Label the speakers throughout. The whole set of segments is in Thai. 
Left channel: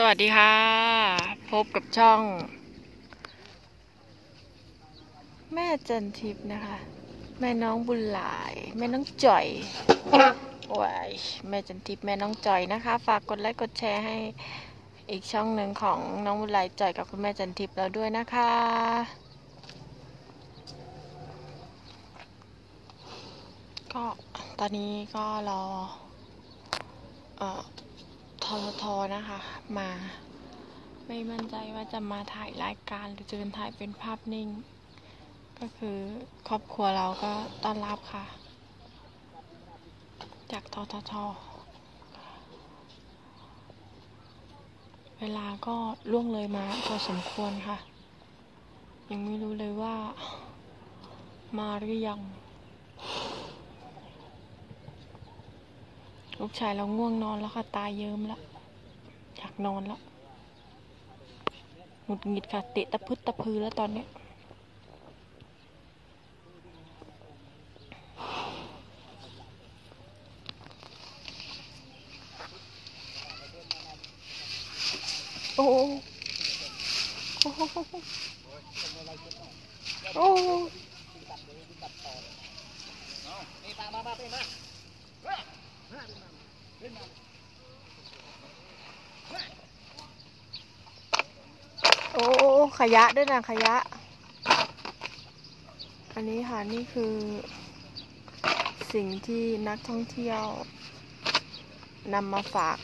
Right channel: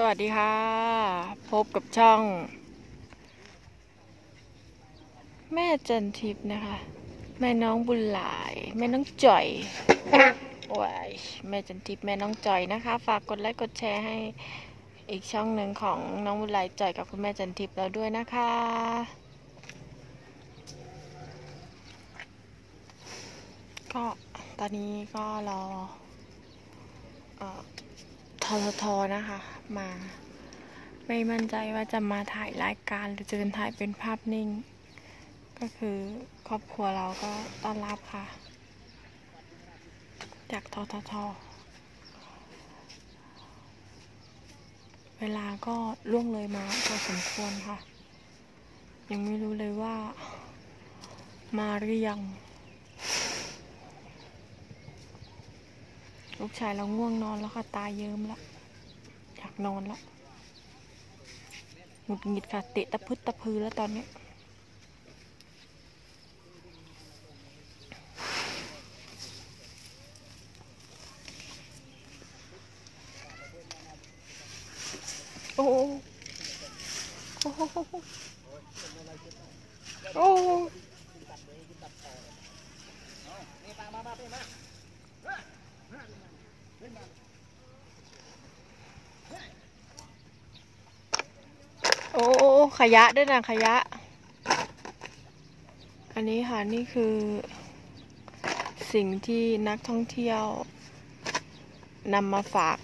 Speaker 1: สวัสดีค่ะ พบกับช่อง แม่จันทิพย์นะคะ แม่น้องบุญหลาย แม่น้องจ่อยว้ายแม่จันทิพย์แม่น้องจ่อยนะคะ ฝากกดไลค์กดแชร์ให้อีกช่องหนึ่งของน้องบุญหลายจ่อยกับคุณแม่จันทิพย์เราด้วยนะคะ ก็ตอนนี้ก็รอเอ่อ ทททนะคะ มา ไม่มั่นใจว่าจะมาถ่ายรายการหรือจะเป็นถ่ายเป็นภาพนิ่ง ก็คือครอบครัวเราก็ต้อนรับค่ะ จากทททเวลาก็ล่วงเลยมาพอสมควรค่ะ ยังไม่รู้เลยว่ามาหรือยัง ลูกชายเราง่วงนอนแล้วค่ะ ตาเยิ้มแล้วอยากนอนแล้วหงุดหงิดค่ะ เตะตะพึดตะพือแล้วตอนนี้โอ้โหโอ้โหโอ้
Speaker 2: นี่มามามาเป็นมา
Speaker 1: โอ้ขยะด้วยนะขยะ อันนี้ค่ะนี่คือ สิ่งที่นักท่องเที่ยวนำมาฝาก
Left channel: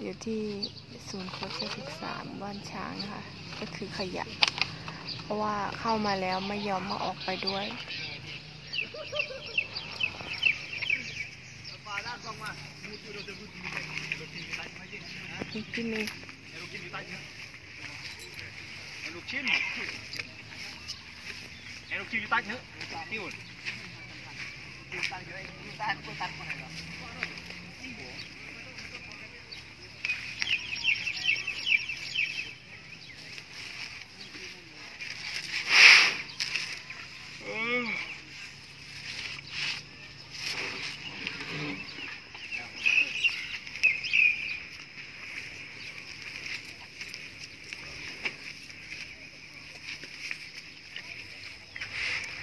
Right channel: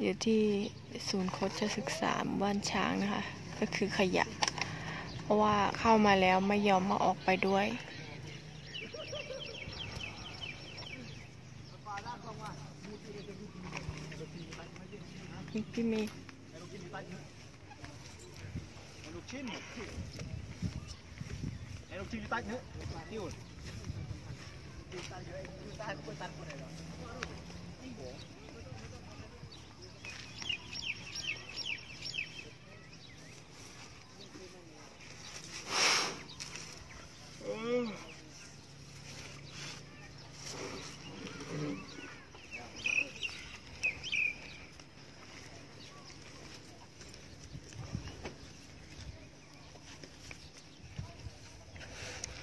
Speaker 1: อยู่ที่ศูนย์โคชศึกษาบ้านช้างนะคะ ก็คือขยะ เพราะว่าเข้ามาแล้วไม่ยอมมาออกไปด้วย นี่คือมี
Speaker 2: ลูกชิ้นไอ้ลูกชิ้นอยู่ใต้เ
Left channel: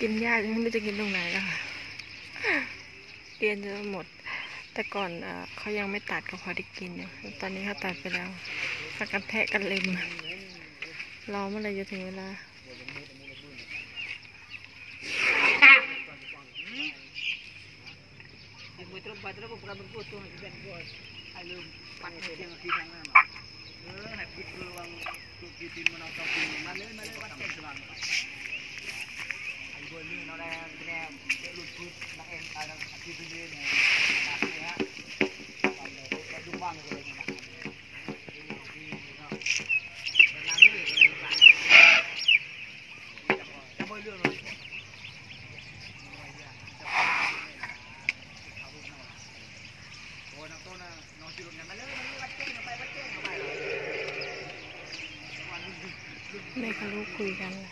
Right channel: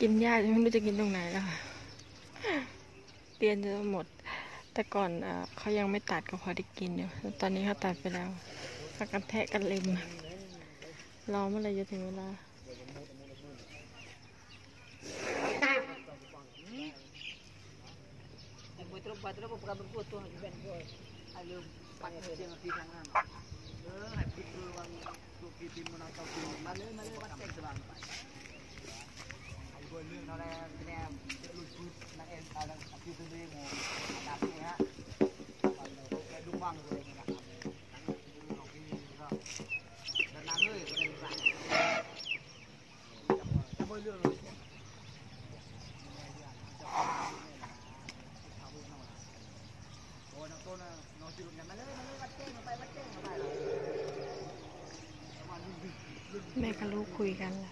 Speaker 2: กิ
Speaker 1: นยากไม่รู้จะกินตรงไหนแล้วค่ะเรียนจะหมด แต่ก่อนเขายังไม่ตัดก็พอได้กินอยู่ตอนนี้เขาตัดไปแล้วพักกันแทะกันเล็มรอเมื่อไรจะถึงเวลา แม่กับลูกคุยกันแหละ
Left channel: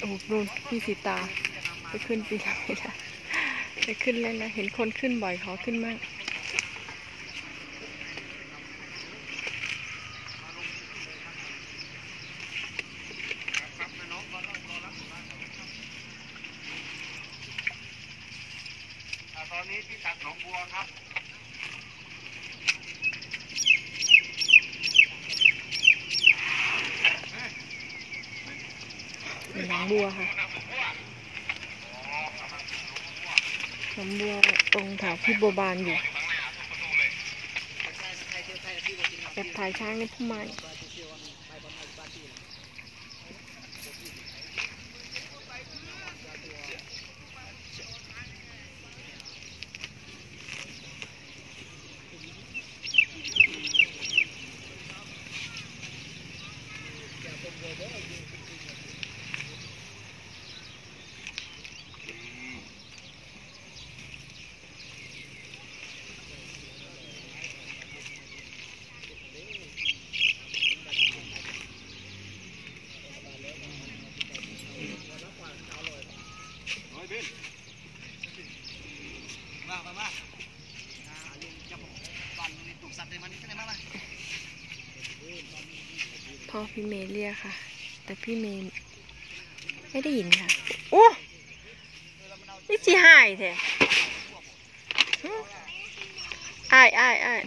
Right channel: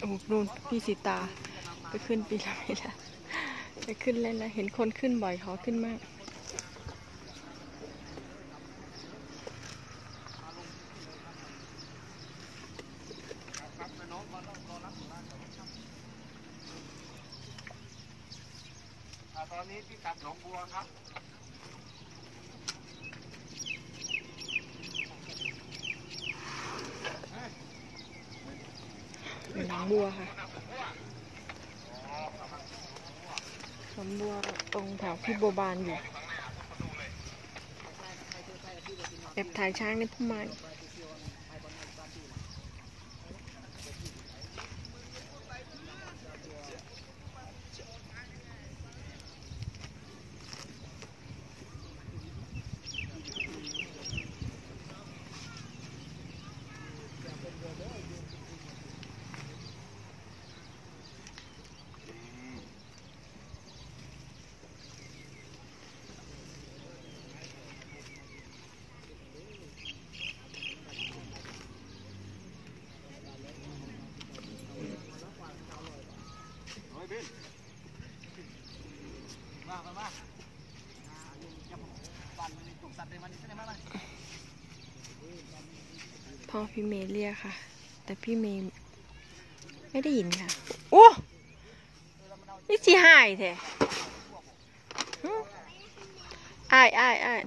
Speaker 1: โอ้โห นู่นพี่สีตาไปขึ้นปีละไม่ได้ไปขึ้นเลยนะเห็นคนขึ้นบ่อยขอขึ้นมาก
Speaker 2: บัวค่ะ
Speaker 1: หอบัวตรงแถวพี่โบบานอยู่แบบถ่ายช้างในพุ่มไม้ พ่อพี่เมย์เรียกค่ะ แต่พี่เมย์ไม่ได้ยินค่ะ โอ้นี่จีหายแท้อ้ายอ้ายอ้าย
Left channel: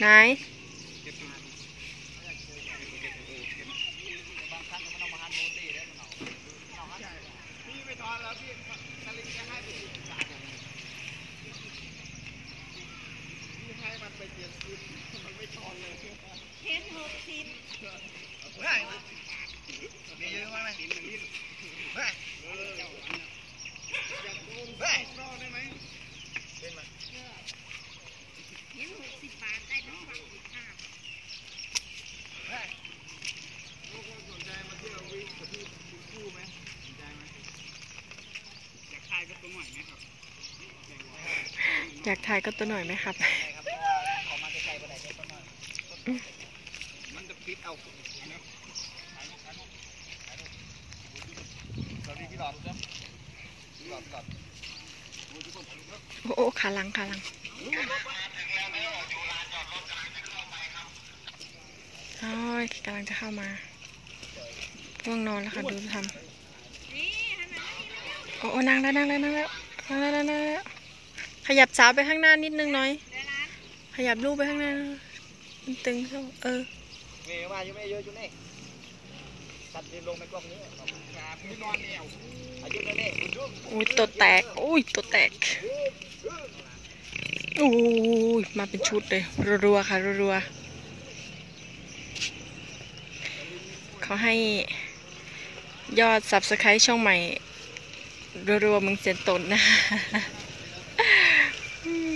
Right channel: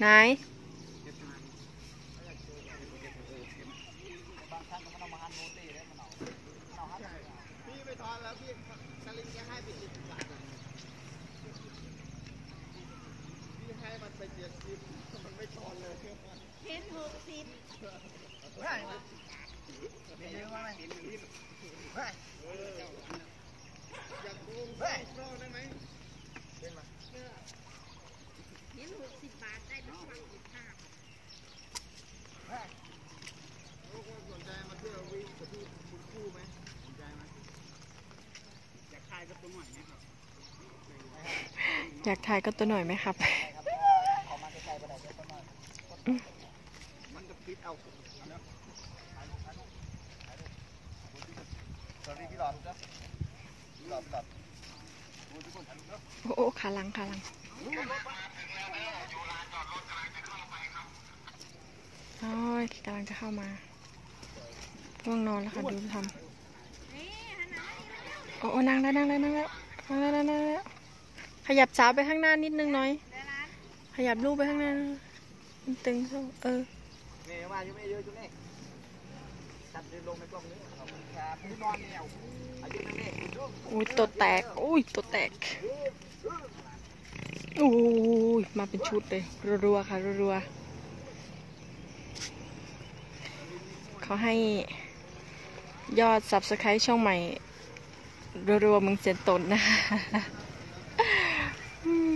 Speaker 1: ไหน
Speaker 2: บางครั้งก็มันเอามาหันโมเต้แล้วมันเอาเอาหันพี่ไม่ทอนแล้วพี่สลิงจะให้พี่พี่ให้มันไปเจ็ดสิบมันไม่ทอนเลยเห็นหกสิบเฮ้ยมีเยอะมากไหมเฮ้ยเฮ้ยได้ไหมเป็นไหม ลูกคนสนใจมาเที่ยววิ่งกับพี่คุณคู่ไหมสนใจไหมอยากทายกับตัวหน่อยไหมครับ
Speaker 1: อยากถ่ายก็ตัวหน่อยไหมครับ
Speaker 2: ใช่ครับขอมาไกลๆไปไหนเดี๋ยวต้นหน่อยมันจะปิดเอาอันนี้ถ่ายรูปถ่ายรูปถ่ายรูปสวัสดีพี่หลอดครับพี่หลอดพี่หลอดดูทุกคนถ่ายรูปเนอะ
Speaker 1: โอ้โอ้ขาหลังขาหลังโอ้ยกำลังจะเข้ามาง่วงนอนแล้วค่ะดูทำโอ้โอ้นั่งแล้วนั่งแล้วนั่งแล้วนั่งแล้วนั่งแล้วนั่งแล้ว ขยับสาวไปข้างหน้านิดนึงหน่อย ขยับลูกไปข้างหน้ามันตึงเข้าเออ
Speaker 2: เมย์ว่าอยู่ไม่เยอะจุ๊นี่ชัดเดินลงในกล้องนี้ขอบคุณครับพี่นอนแนวอายุเท่านี้คุณจุ๊
Speaker 1: อุ้ยตัวแตกอุ้ยตัวแตกอุ้ยมาเป็นชุดเลยรัวๆค่ะรัวๆเขาให้ยอด subscribe ช่องใหม่รัวๆมึงเสียนตนนะคะอืม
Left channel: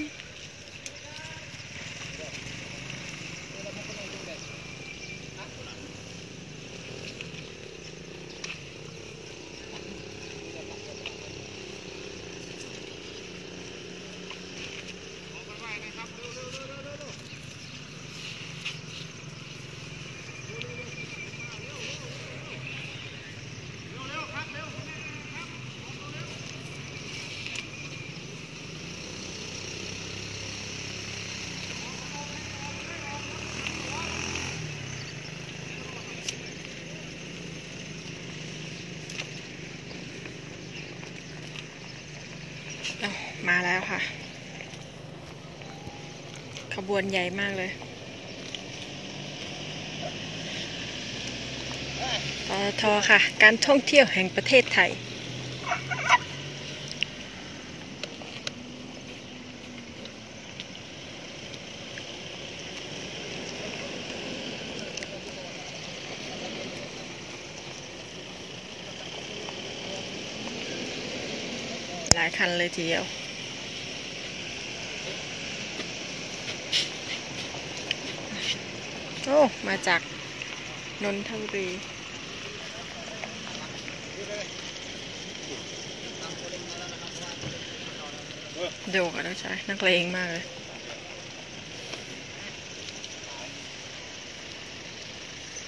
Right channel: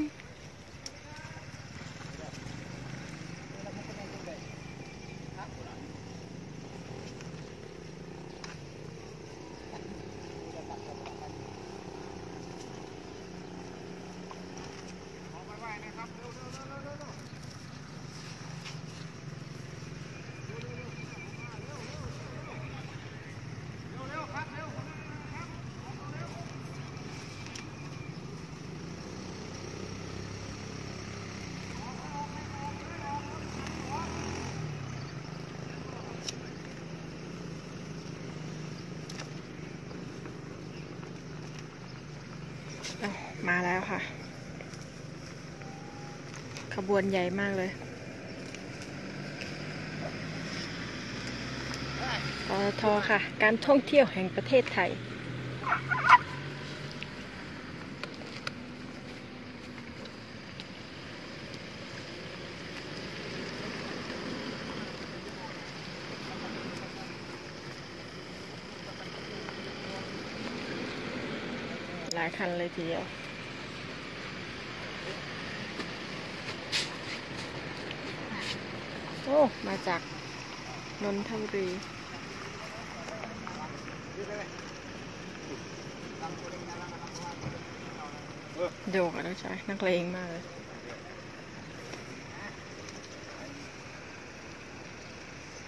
Speaker 2: ขอไปไหว้นะครับเร็วเร็วเร็วเร็วเร็วเร็วเร็วครับเร็วครับ
Speaker 1: อ้าว มาแล้วค่ะ ขบวนใหญ่มากเลย ปตทค่ะ การท่องเที่ยวแห่งประเทศไทย หลายคันเลยทีเดียว โอ้ มาจากนนทบุรีโดกอะนะจ๊ะนักเลงมากเลย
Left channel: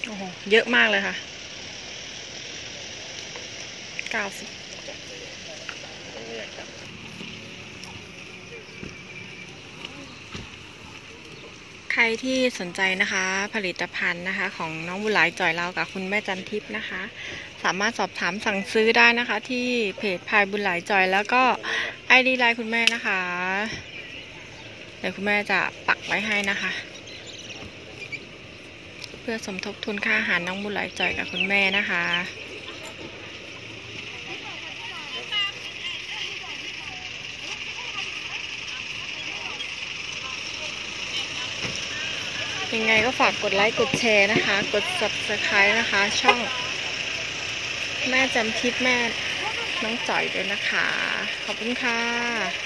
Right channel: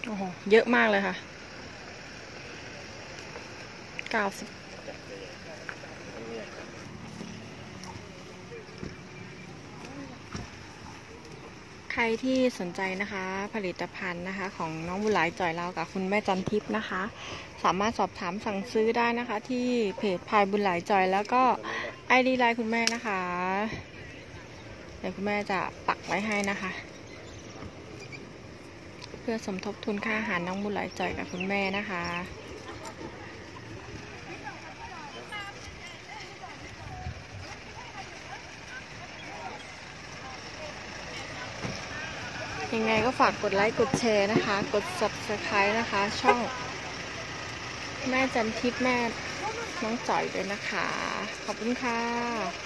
Speaker 1: โอ้โห เยอะมากเลยค่ะ 90 ใครที่สนใจนะคะผลิตภัณฑ์นะคะ ของน้องบุหลายจ่อยเรากับคุณแม่จันทิพย์นะคะ สามารถสอบถามสั่งซื้อได้นะคะ ที่เพจพายบุญหลายจ่อย แล้วก็ไอดีไลน์คุณแม่นะคะเดี๋ยวคุณแม่จะปักไว้ให้นะคะ เพื่อสมทบทุนค่าอาหารน้องบุญหลายจ่อยกับคุณแม่นะคะ ยังไงก็ฝากกดไลค์กดแชร์นะคะ กด subscribe นะคะ ช่อง แม่จันทิพย์แม่น้องจ่อยด้วยนะคะ ขอบคุณค่ะ